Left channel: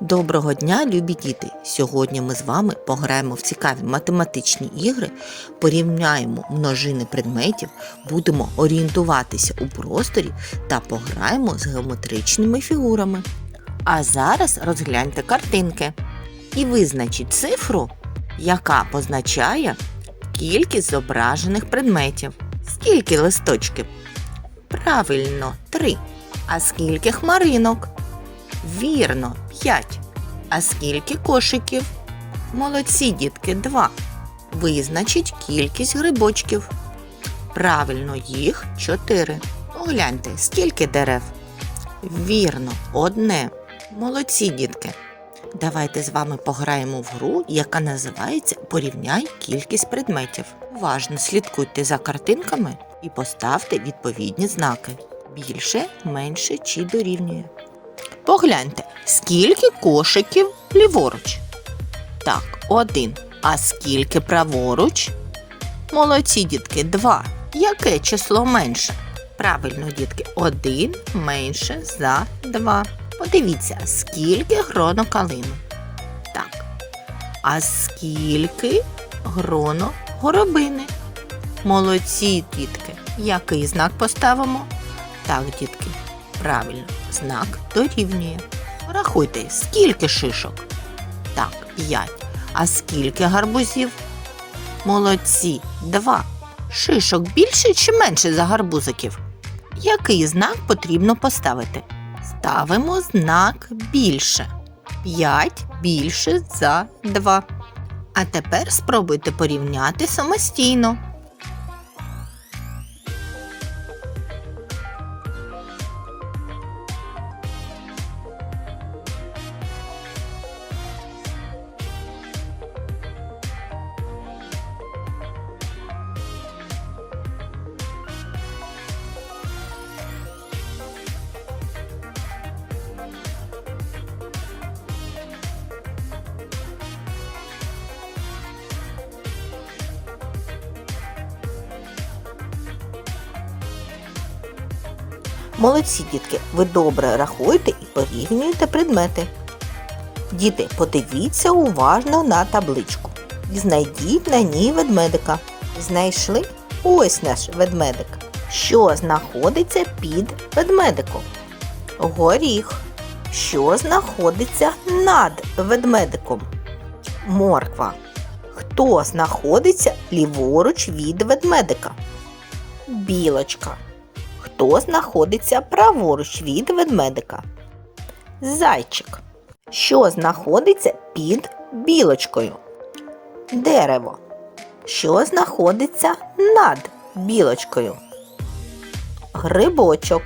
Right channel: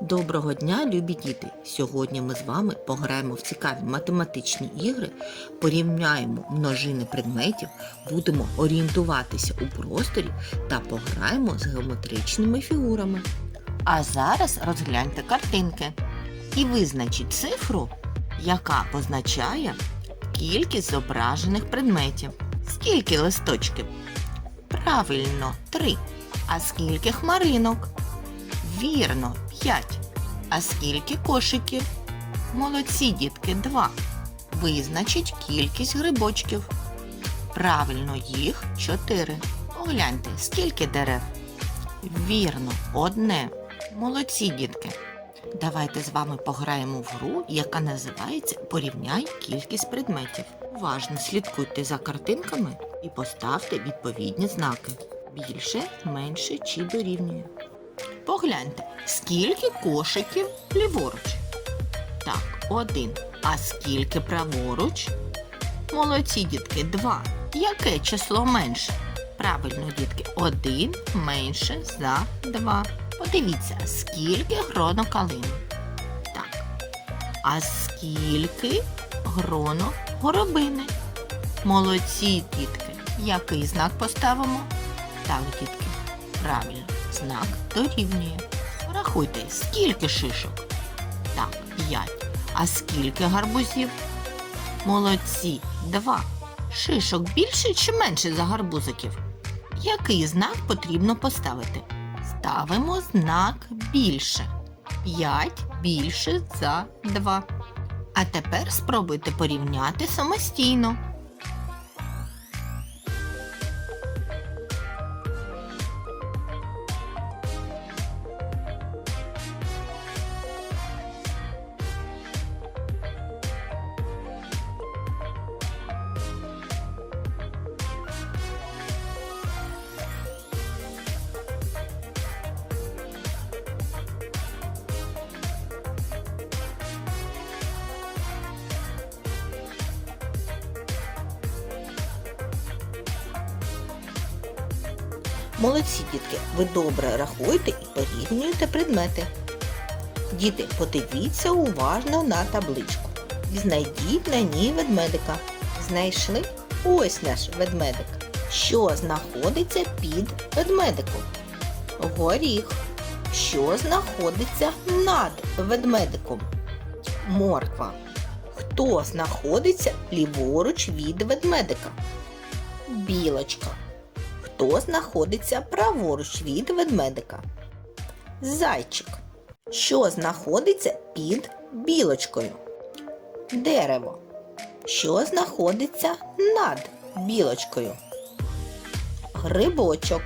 Доброго дня, любі діти! Сьогодні ми з вами пограємо в цікаві математичні ігри, порівняємо множини предметів, будемо орієнтуватися у просторі та пограємо з геометричними фігурами. А зараз розгляньте картинки і визначіть цифру, яка позначає кількість зображених предметів. Скільки листочків? Правильно, три. А скільки хмаринок? Вірно, 5. А скільки кошиків? Молодці, дітки, 2. Визначіть кількість грибочків. Правильно, їх 4. Погляньте, скільки дерев? Вірно, одне. Молодці, дітки. Давайте з вами пограємо в гру, яка називається Порівняй кількість предметів. Уважно слідкуйте за картинками і поставте відповідні знаки. Більше, менше чи дорівнює. Погляньте, скільки кошиків ліворуч. Так, один. А скільки праворуч? Молодці, дітки, два. Яке число менше? Правильно, дітки, один менше за два. Подивіться, скільки гроно калини. Так. А скільки гроно горобини? Молодці, дітки. Який знак поставимо? Так, дітки, правильно, знак дорівнює. Рахуйте, скільки шишок? Так, п'ять. А скільки гарбузів? Молодці, два. Шишок більше чи менше за гарбузиків? Який знак потрібно поставити? Ставимо знак більше. 5 більше за 2. А тепер спробуйте порівняти самостійно. Молодці, дітки, ви добре рахуєте і порівнюєте предмети. Діти, подивіться уважно на табличку. Знайдіть на ній ведмедика. Знайшли ось наш ведмедик. Що знаходиться під ведмедиком? Горіх. Що знаходиться над ведмедиком? Морква. Хто знаходиться ліворуч від ведмедика? Білочка. Хто знаходиться праворуч від ведмедика? Зайчик. Що знаходиться під білочкою? Дерево. Що знаходиться над білочкою? Грибочок.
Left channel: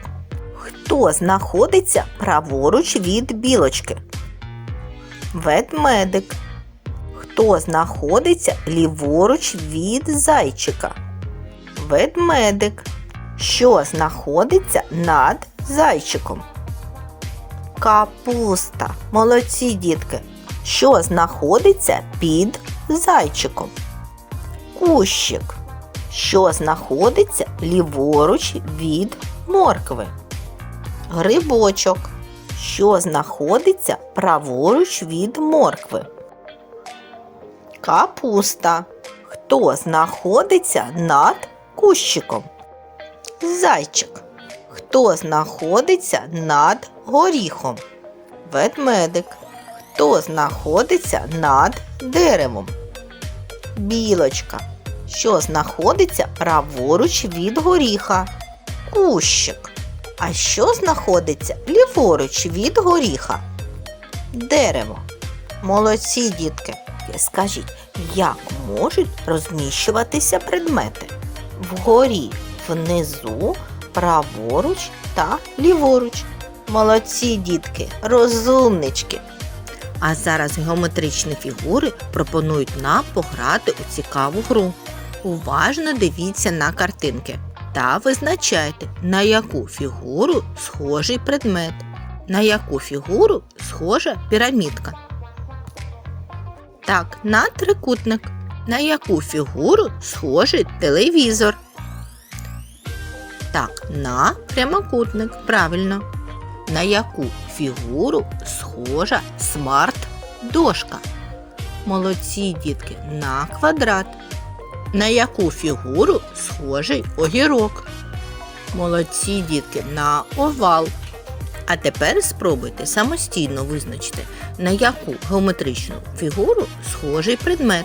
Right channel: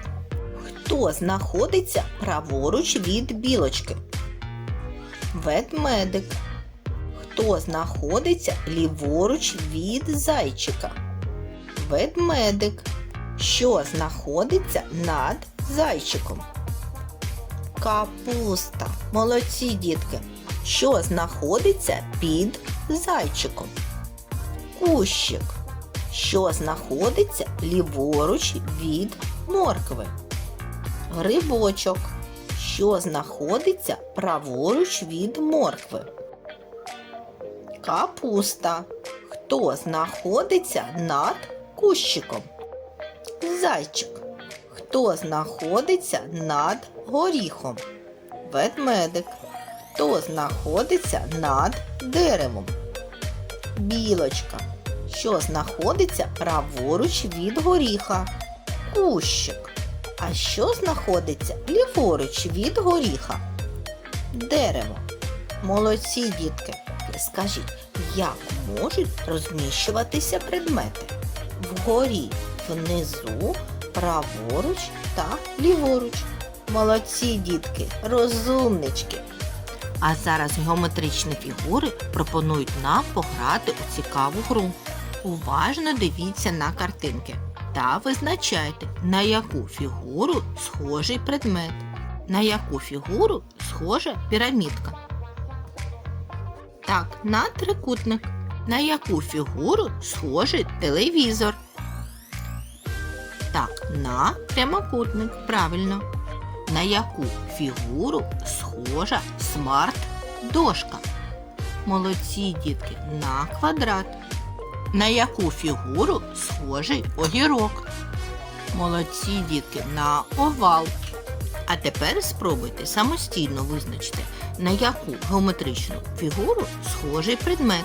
Хто знаходиться праворуч від білочки? Ведмедик. Хто знаходиться ліворуч від зайчика? Ведмедик що знаходиться над зайчиком. Капуста. Молодці дітки. Що знаходиться під зайчиком? Кущик. Що знаходиться ліворуч від моркви? Грибочок. Що знаходиться праворуч від моркви? Капуста. Хто знаходиться над кущиком? Зайчик. Хто знаходиться над горіхом? Ведмедик. Хто знаходиться над деревом? Білочка. Що знаходиться праворуч від горіха? Кущик. А що знаходиться ліворуч від горіха? Дерево. Молодці, дітки. Скажіть, як можуть розміщуватися предмети? Вгорі внизу, праворуч та ліворуч. Молодці, дітки, розумнички. А зараз геометричні фігури пропонують нам пограти у цікаву гру. Уважно дивіться на картинки та визначайте, на яку фігуру схожий предмет, на яку фігуру схожа пірамідка. Так, на трикутник. На яку фігуру схожий телевізор. Так, на прямокутник, правильно. на яку фігуру схожа смарт-дошка? Молодці, дітки, на квадрат. На яку фігуру схожий огірок? Молодці, дітки, на овал. А тепер спробуйте самостійно визначити, на яку геометричну фігуру схожий предмет.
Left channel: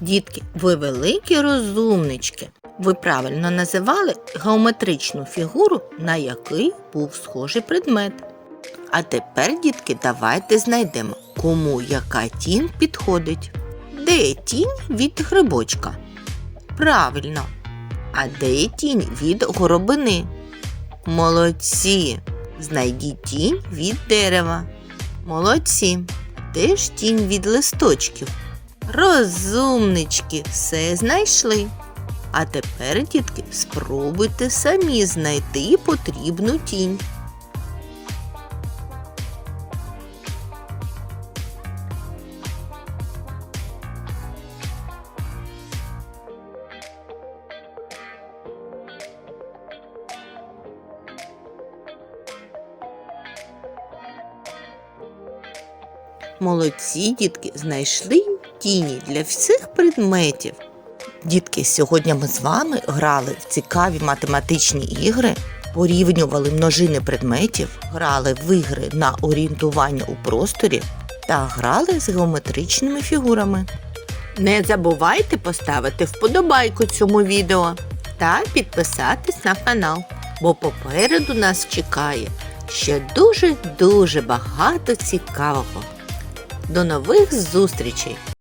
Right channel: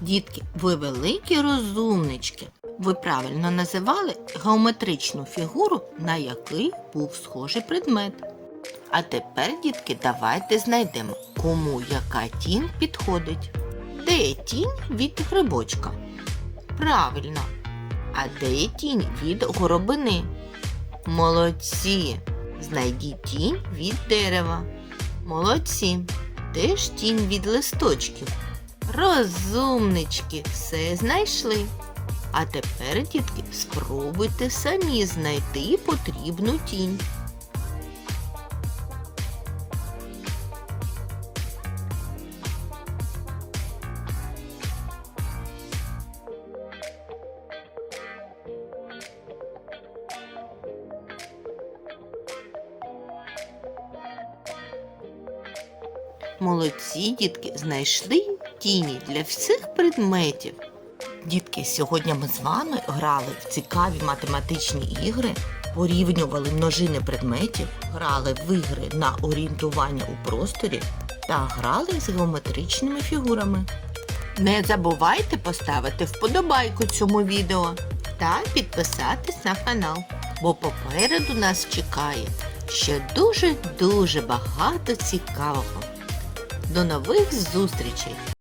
Дітки, ви великі розумнички. Ви правильно називали геометричну фігуру, на який був схожий предмет. А тепер, дітки, давайте знайдемо, кому яка тінь підходить. Де є тінь від грибочка? Правильно. А де є тінь від горобини? Молодці. Знайдіть тінь від дерева. Молодці. Де ж тінь від листочків? Розумнички, все знайшли. А тепер, дітки, спробуйте самі знайти потрібну тінь. Молодці, дітки, знайшли тіні для всіх предметів. Дітки, сьогодні ми з вами грали в цікаві математичні ігри, порівнювали множини предметів, грали в ігри на орієнтування у просторі та грали з геометричними фігурами. Не забувайте поставити вподобайку цьому відео та підписатись на канал, бо попереду нас чекає ще дуже-дуже багато цікавого. До нових зустрічей!